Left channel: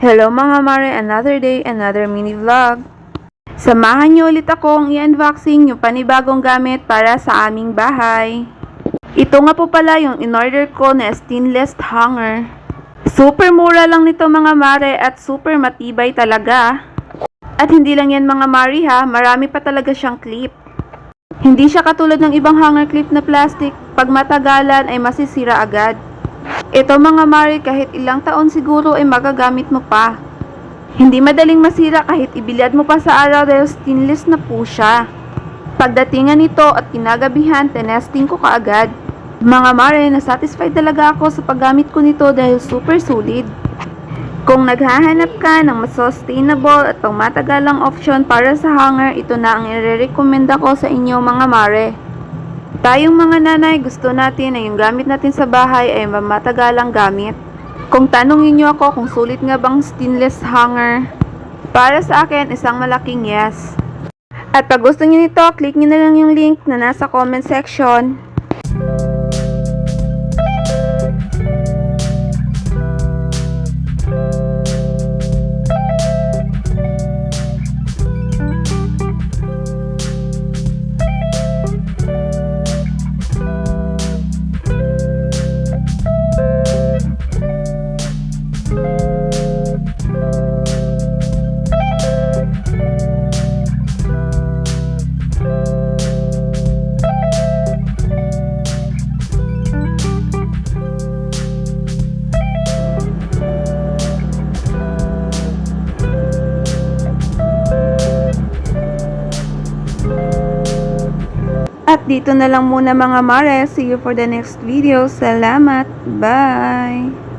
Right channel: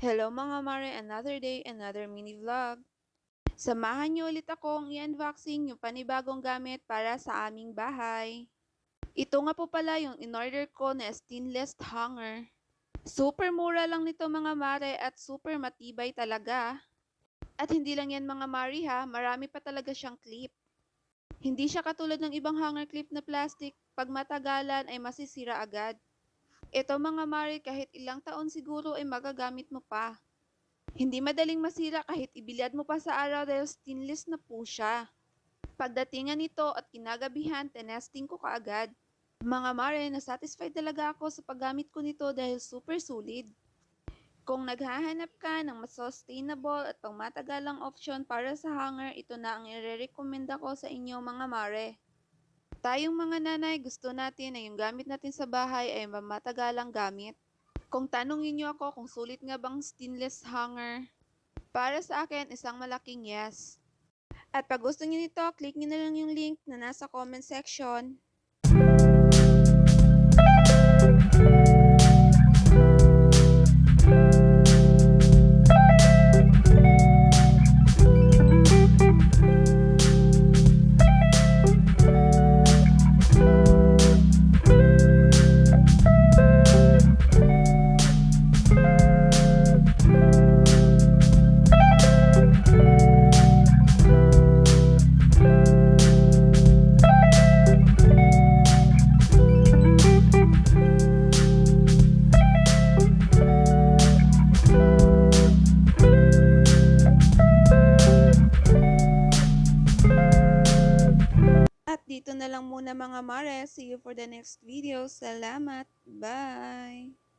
Hello mga mare, another day, another mini vlog. Samahan niyo ulit akong i-unboxing yung panibagong gamit para sa aming bahay. Ito nga po pala yung in-order ko na stainless hanger. Super mura lang nito mga mare at super matibay talaga. At hindi lang yan mga mare ha, marami pa talaga siyang clip. Hindi siya katulad ng ibang hanger clip na plastic, pag matagalan ay masisira agad. Ito mga mare, kahit ilang taon siguro ay magagamit mo pa. Hindi madaling masira kahit ibilad mo pa sa araw dahil stainless na po siya. Pagdatingan nito at kinagabihan, tinesting ko kaagad. Mga mare, nasatisfied talaga ako sa paggamit ko nito dahil super solid. Kung naghahanap ka ng mas sustainable at pangmatagalang option para sa hanger, ito na ang i-recommend ko sa inyo mga mare. Tayong mga nanay, gusto natin na yung gamit natin sa bahay ay mamatagalang gamit. Kung tanongin niyo ako kung sulit nga bang stainless hanger, para sa akin isang malaking yes. At pag gusto niyo nito, click niyo na lang yung link na nasa comment section. At dito na lang muna mga mare. See you for the next video. Salamat. Bye!